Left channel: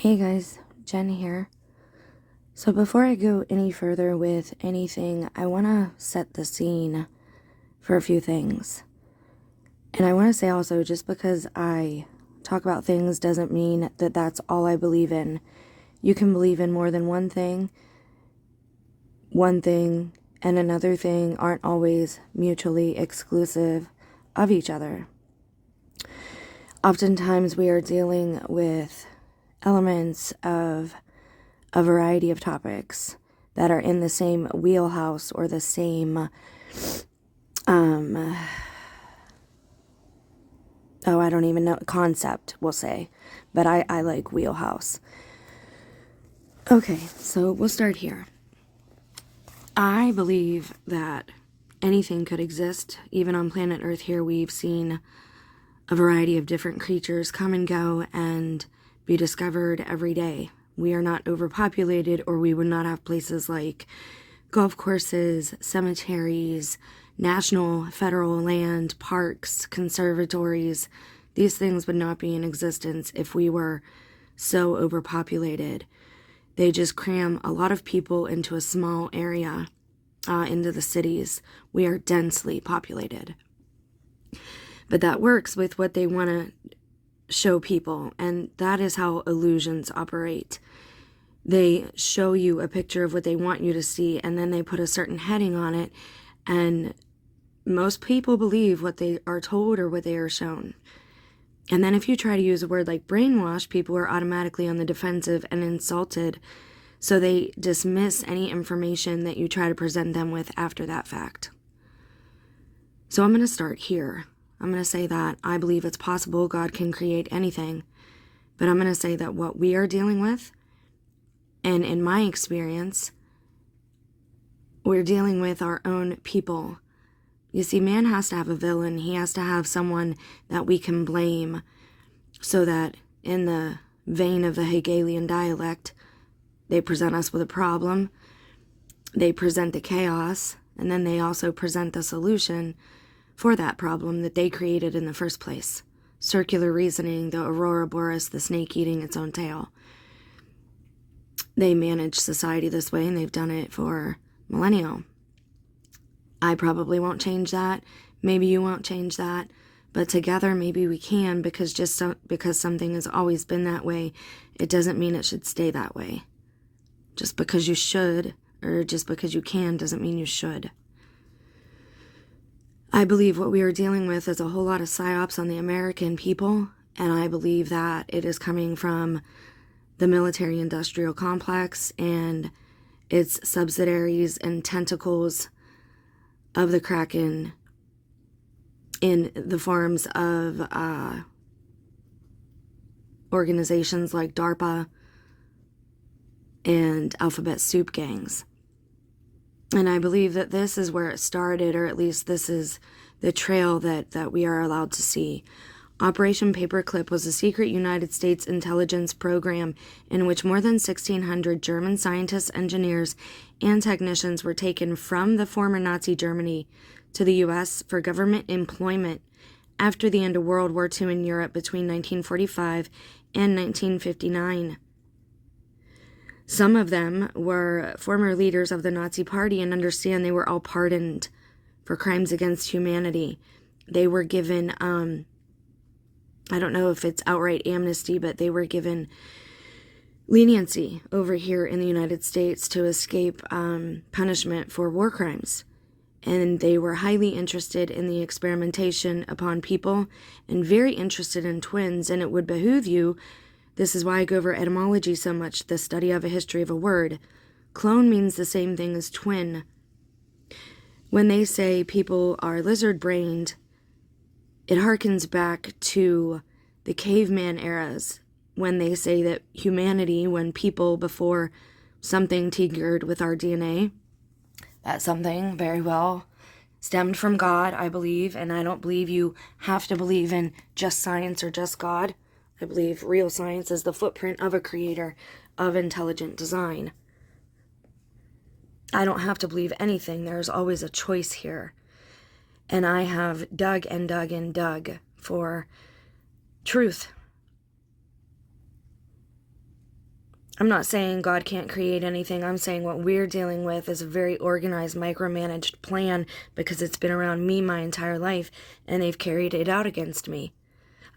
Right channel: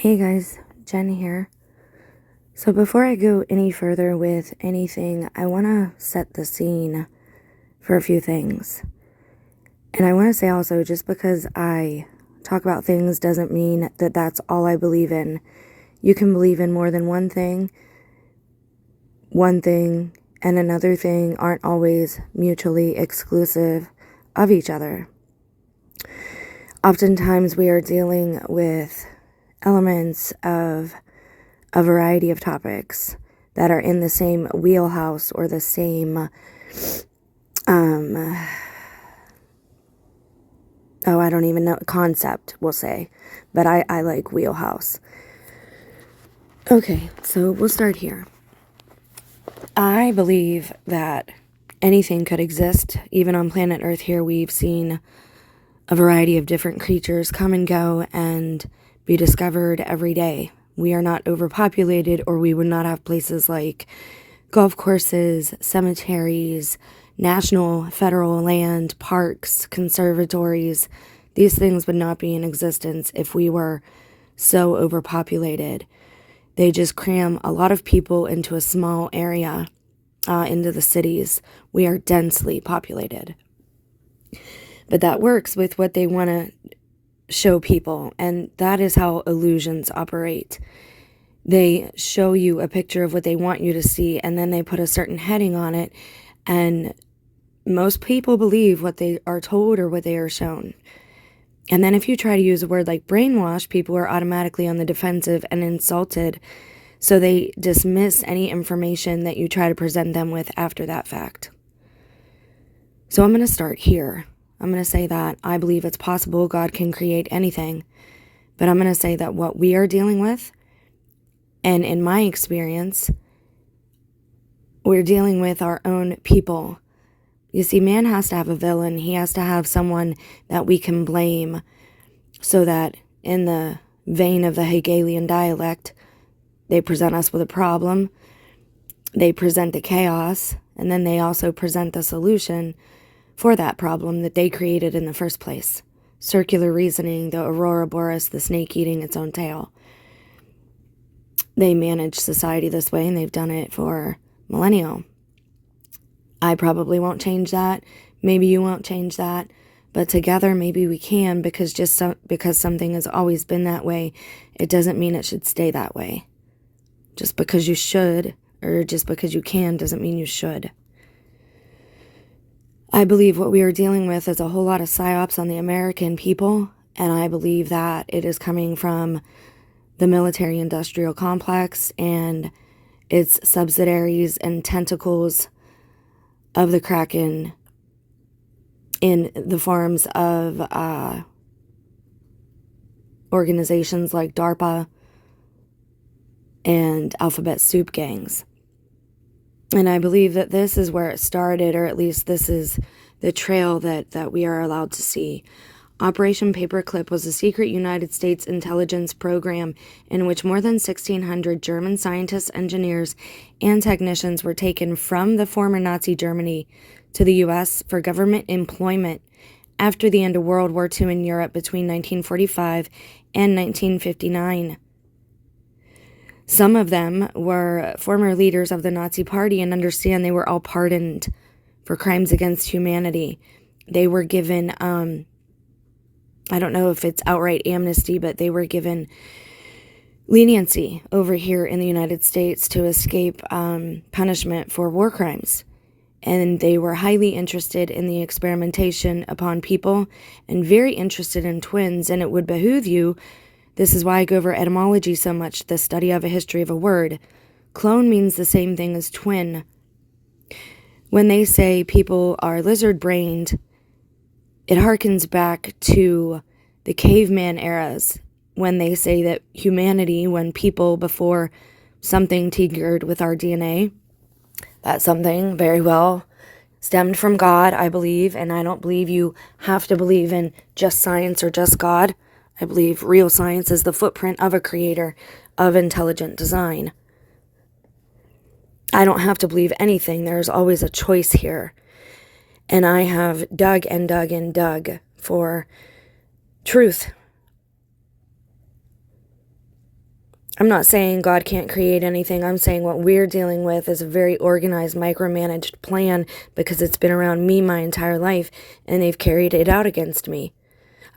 Hey guys, Jen here. So before I go any further with anything, I want to set the scene for a few things. And I want to say also, just because I talk about things doesn't mean that that's all I believe in. You can believe in more than one thing and another thing aren't always mutually exclusive of each other. Oftentimes we are dealing with elements of a variety of topics that are in the same wheelhouse or the same, I don't even know, concept, we'll say. But I like wheelhouse. Okay, so we'll start here. I believe that anything could exist. Even on planet Earth here, we've seen a variety of different creatures come and go and be discovered every day. We are not overpopulated, or we would not have places like golf courses, cemeteries, national, federal land, parks, conservatories. These things would not be in existence if we were so overpopulated. They just cram a lot of people into a small area, into the cities. We are densely populated. But that works with what they want to show people, and that is how illusions operate. They show you a picture of what they want you to see, and then they put a certain heading on it, and most people believe what they are told or what they are shown. And then if you try to use a word like brainwash, people are automatically on the defensive and insulted, so they dismiss any information that you try to present them with after that fact. So I'm going to start here. I'm going to say that I believe it's possible God can create anything, but I'm going to say that what we are dealing with, and in my experience, we're dealing with our own people. You see, man has to have a villain. He has to have someone that we can blame, so that in the vein of the Hegelian dialect, they present us with a problem, they present the chaos, and then they also present the solution for that problem that they created in the first place. Circular reasoning, the Aurora Boreas, the snake eating its own tail. They manage society this way, and they've done it for millennia. I probably won't change that. Maybe you won't change that. But together, maybe we can, because because something has always been that way, it doesn't mean it should stay that way. Just because you should, or just because you can, doesn't mean you should. I believe what we are dealing with is a whole lot of psyops on the American people, and I believe that it is coming from the military-industrial complex and its subsidiaries and tentacles of the Kraken in the forms of organizations like DARPA and alphabet soup gangs. And I believe that this is where it started, or at least this is the trail that we are allowed to see. Operation Paperclip was a secret United States intelligence program in which more than 1,600 German scientists, engineers, and technicians were taken from the former Nazi Germany to the U.S. for government employment after the end of World War II in Europe between 1945 and 1959. Some of them were former leaders of the Nazi Party, and understand they were all pardoned for crimes against humanity. They were given, I don't know if it's outright amnesty, but they were given leniency over here in the United States to escape punishment for war crimes. And they were highly interested in the experimentation upon people and very interested in twins, and it would behoove you. This is why I go over etymology so much, the study of a history of a word. Clone means the same thing as twin. When they say people are lizard-brained, it harkens back to the caveman eras, when they say that humanity, when people before something tinkered with our DNA, that something very well stemmed from God, I believe, and I don't believe you have to believe in just science or just God. I believe real science is the footprint of a creator of intelligent design. I don't have to believe anything. There's always a choice here. And I have dug and dug and dug for truth. I'm not saying God can't create anything. I'm saying what we're dealing with is a very organized, micromanaged plan because it's been around me my entire life and they've carried it out against me.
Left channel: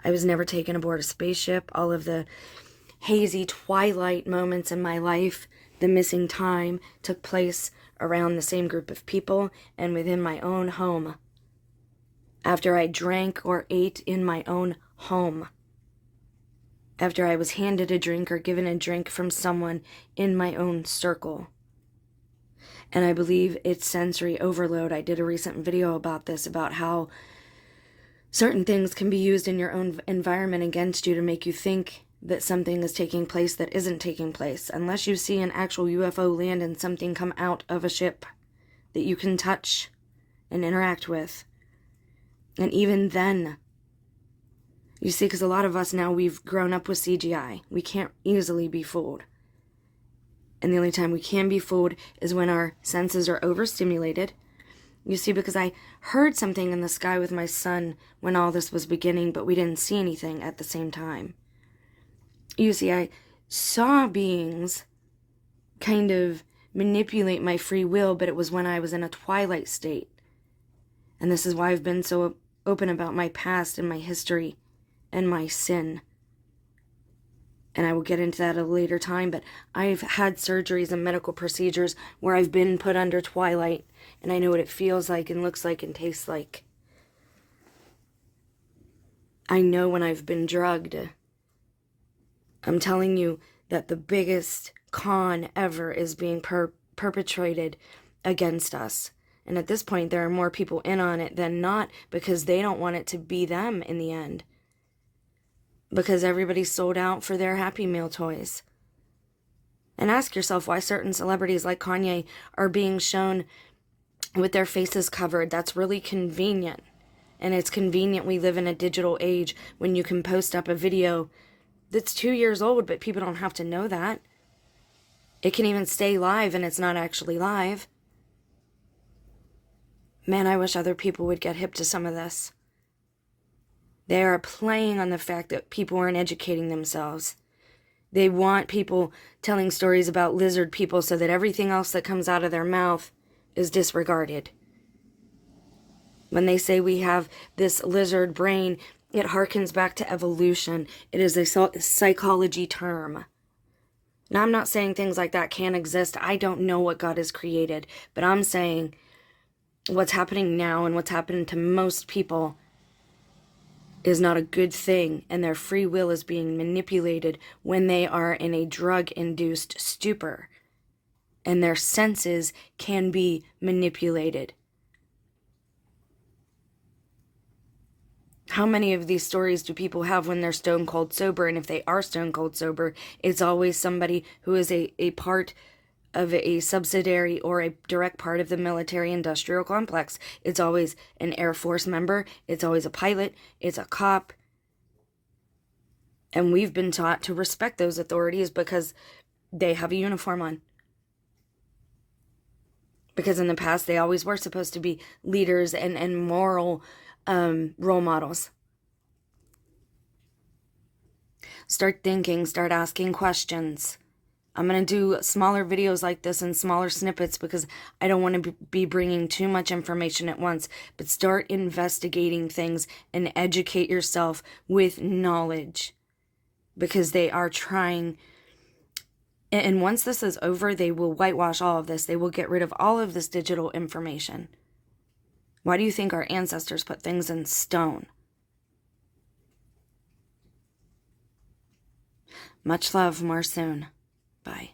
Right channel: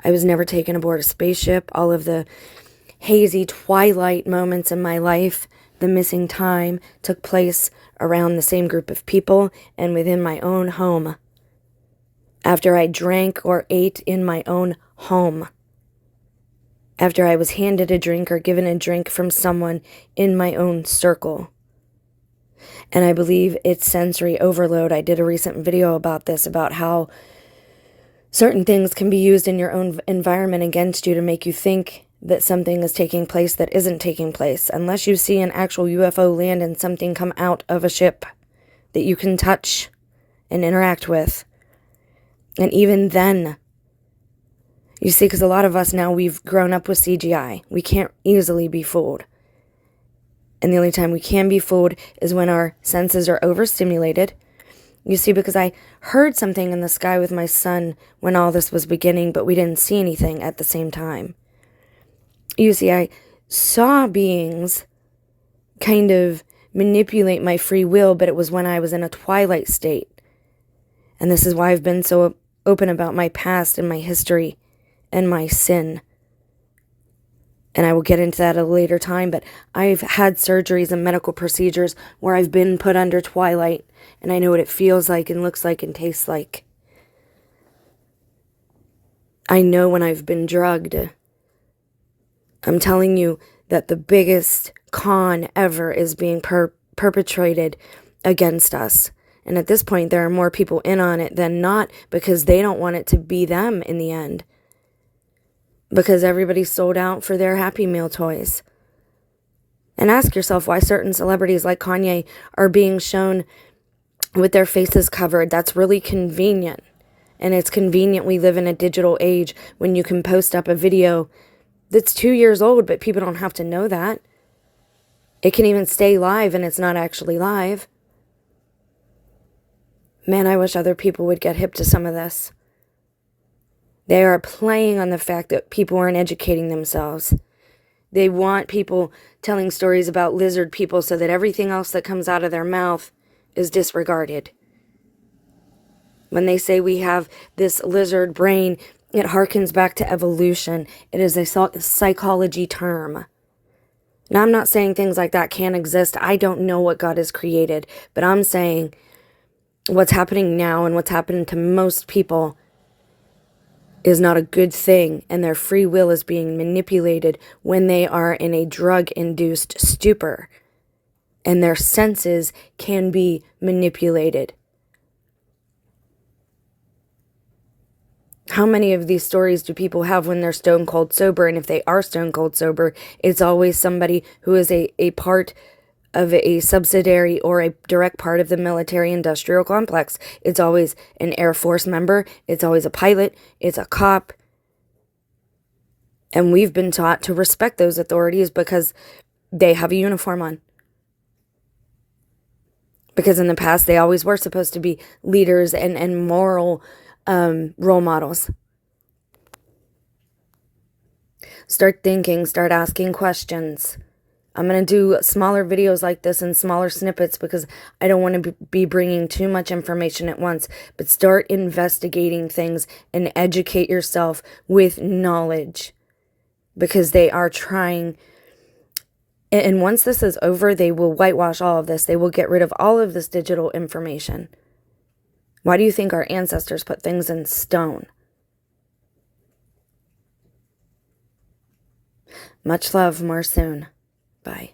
I was never taken aboard a spaceship. All of the hazy twilight moments in my life, the missing time, took place around the same group of people and within my own home. After I drank or ate in my own home. After I was handed a drink or given a drink from someone in my own circle. And I believe it's sensory overload. I did a recent video about this, about how certain things can be used in your own environment against you to make you think that something is taking place that isn't taking place. Unless you see an actual UFO land and something come out of a ship that you can touch and interact with. And even then, you see, because a lot of us now, we've grown up with CGI. We can't easily be fooled. And the only time we can be fooled is when our senses are overstimulated. You see, because I heard something in the sky with my son when all this was beginning, but we didn't see anything at the same time. You see, I saw beings kind of manipulate my free will, but it was when I was in a twilight state. And this is why I've been so open about my past and my history and my sin. And I will get into that at a later time, but I've had surgeries and medical procedures where I've been put under twilight, and I know what it feels like and looks like and tastes like. I know when I've been drugged. I'm telling you that the biggest con ever is being perpetrated against us. And at this point, there are more people in on it than not because they don't want it to be them in the end. Because everybody's sold out for their Happy Meal toys. And ask yourself why certain celebrities like Kanye are being shown with their faces covered. That's really convenient. And it's convenient we live in a digital age when you can post up a video that's 2 years old, but people don't have to know that. It can even stay live and it's not actually live. Man, I wish other people would get hip to some of this. They are playing on the fact that people aren't educating themselves. They want people telling stories about lizard people so that everything else that comes out of their mouth is disregarded. When they say we have this lizard brain, it harkens back to evolution. It is a psychology term. Now, I'm not saying things like that can't exist. I don't know what God has created, but I'm saying what's happening now and what's happening to most people is not a good thing, and their free will is being manipulated when they are in a drug-induced stupor, and their senses can be manipulated. How many of these stories do people have when they're stone cold sober? And if they are stone cold sober, it's always somebody who is a part of a subsidiary or a direct part of the military industrial complex. It's always an Air Force member. It's always a pilot. It's a cop. And we've been taught to respect those authorities because they have a uniform on. Because in the past, they always were supposed to be leaders and moral role models. Start thinking, start asking questions. I'm going to do smaller videos like this in smaller snippets because I don't want to be bringing too much information at once. But start investigating things and educate yourself with knowledge because they are trying. And once this is over, they will whitewash all of this. They will get rid of all of this digital information. Why do you think our ancestors put things in stone? Much love, more soon. Bye.